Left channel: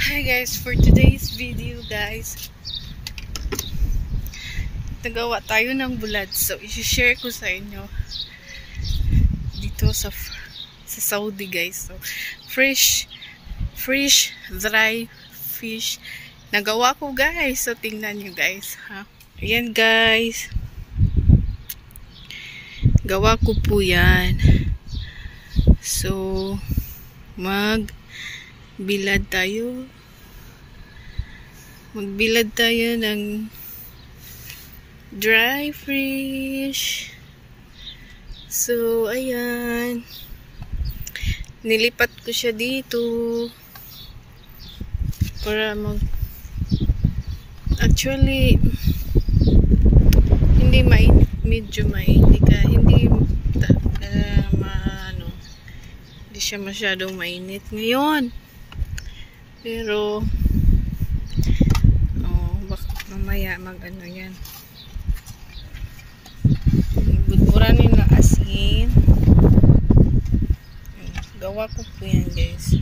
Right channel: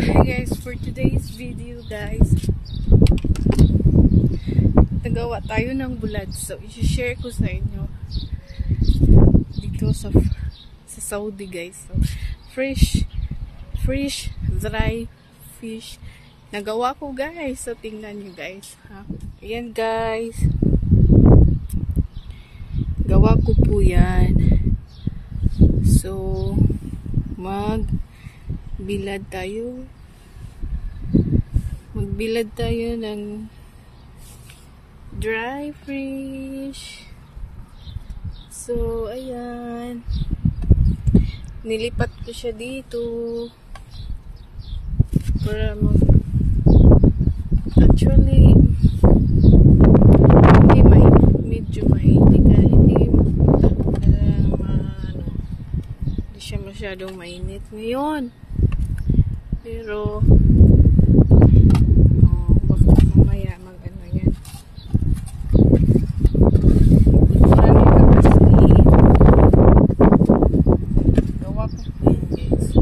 Hi guys, for today's video guys, nagawa tayo ng bulad. So i-share ko sa inyo dito sa Saudi guys. So fresh dry fish nagawa ko guys. So tingnan nyo guys ha. Ayan guys, gawa ko po yan. So magbilad tayo ng dry fish. So ayan, nilipat ko siya dito para actually hindi mainit, medyo mainit ka, hindi siya masyadong mainit ngayon, pero baka mamaya mag-ano yan, budburanin ng asin. Gawa ko po yan guys.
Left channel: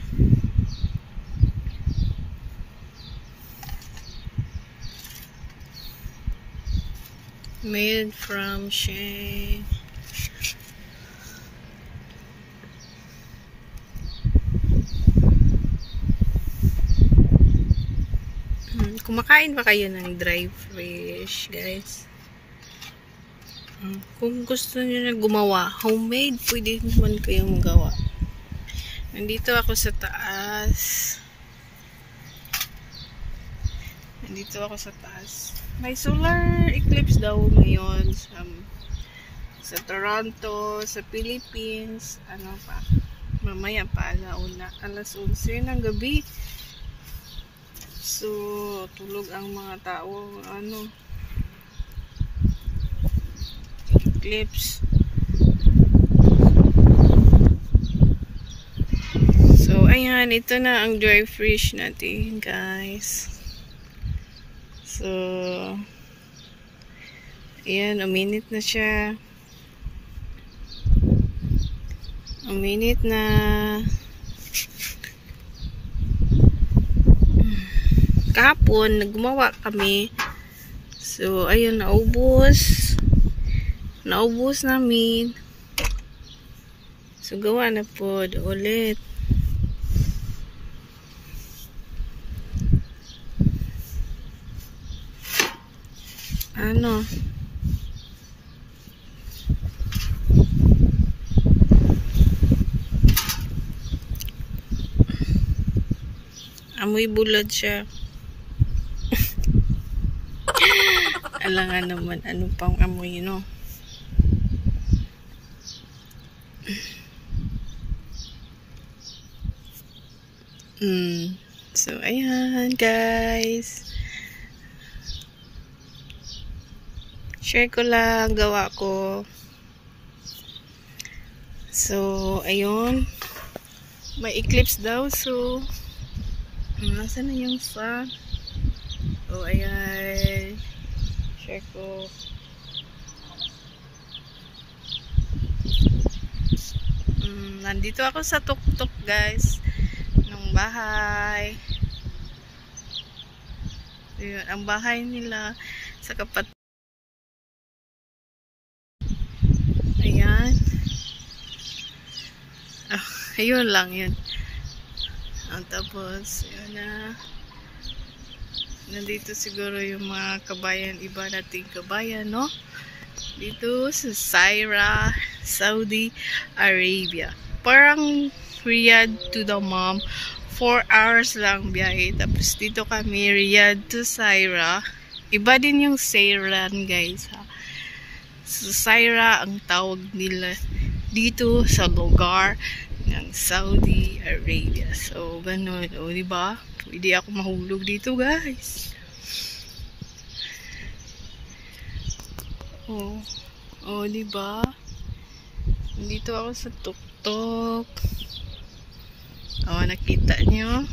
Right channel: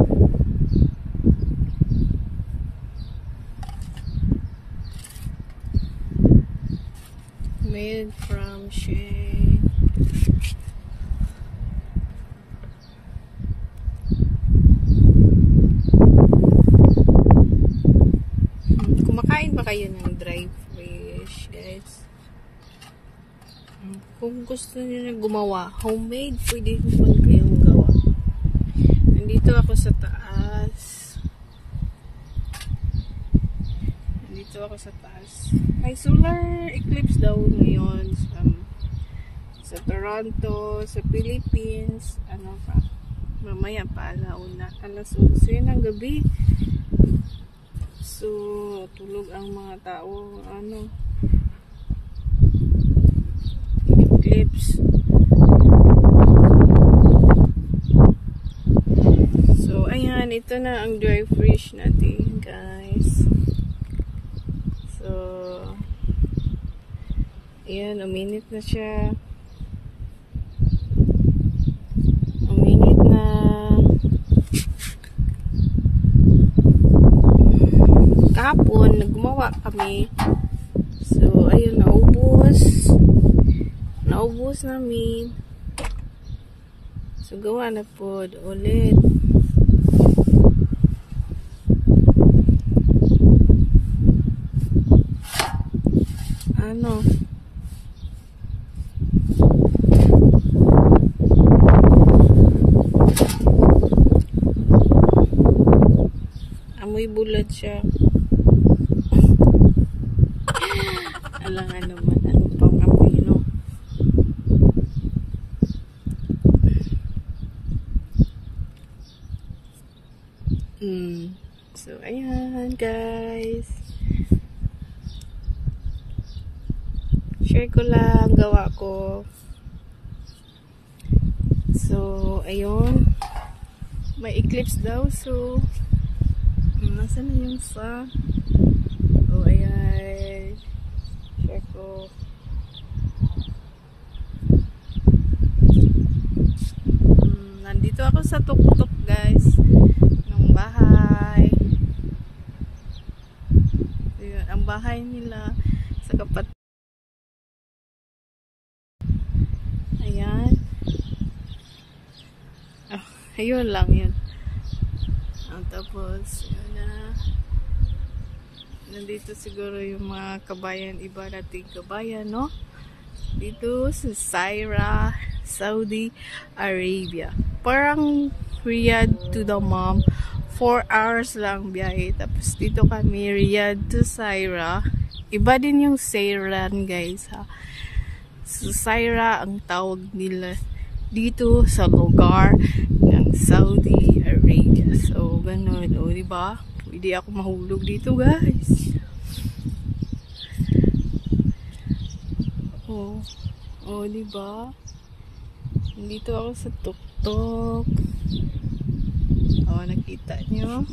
Made from shea. Kumakain ba kayo ng dry fish guys? Kung gusto niyo na gumawa homemade, pwede naman kayong gawa. Nandito ako sa taas. May solar eclipse daw ngayon sa Toronto, sa Philippines. Ano pa? Mamaya pa alas 11 ng gabi. So, tulog ang mga tao, eclipse. So, ayan, ito na ang dry fish natin, guys. So, ayan, uminit na siya. Uminit na. Kahapon naggumawa kami, so ayun, naubos namin, so gawa na po ulit. Amoy bulad siya. Alangan naman, ano pang amoy, no? So, ayan, guys. Share ko lang, gawa ko. So, ayun. May eclipse daw, so nasa na yung sun? Oh, ayan. Share ko. Nandito ako sa tuktok guys ng bahay. Ayun, ang bahay nila sa kapat. Ayan. Ayun lang yun. Tapos yun na. Nandito siguro yung mga kabayan, iba nating kabayan, no? Dito sa Saira, Saudi Arabia. Parang Riyadh to Dammam, 4 hours lang biyahe. Tapos dito kami, Riyadh to Saira. Iba din yung Sairan guys, ha? So Saira ang tawag nila dito sa lugar ng Saudi Arabia. So ganun, o diba? Pwede ako mahulog dito guys. Diba? Dito ako sa tuktok. Nakita nyo?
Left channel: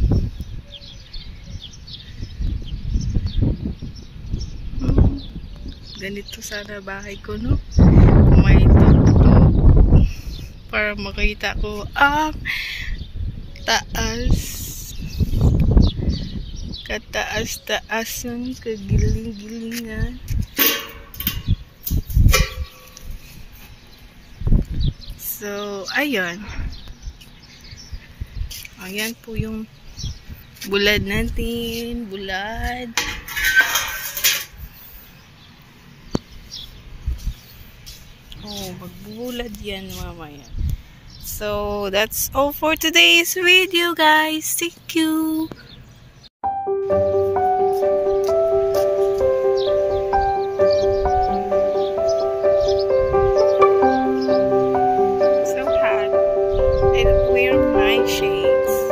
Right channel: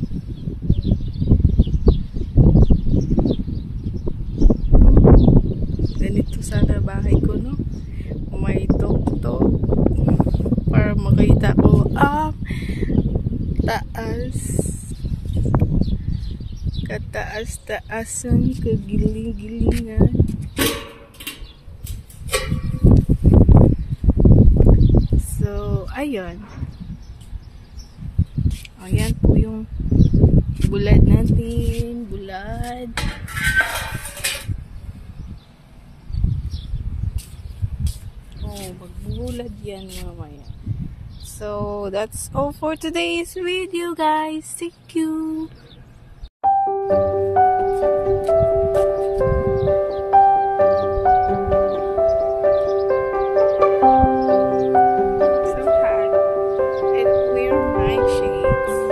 Ganito sana bahay ko, no? May tuktok. Para makita ko ang taas. kataas-taasang kagiling-gilingan. So, ayun. Ayan po yung bulad natin. Bulad. Oh, magbubulad yan mamaya. So, that's all for today's video, guys. Thank you. So hot. I wear my shades.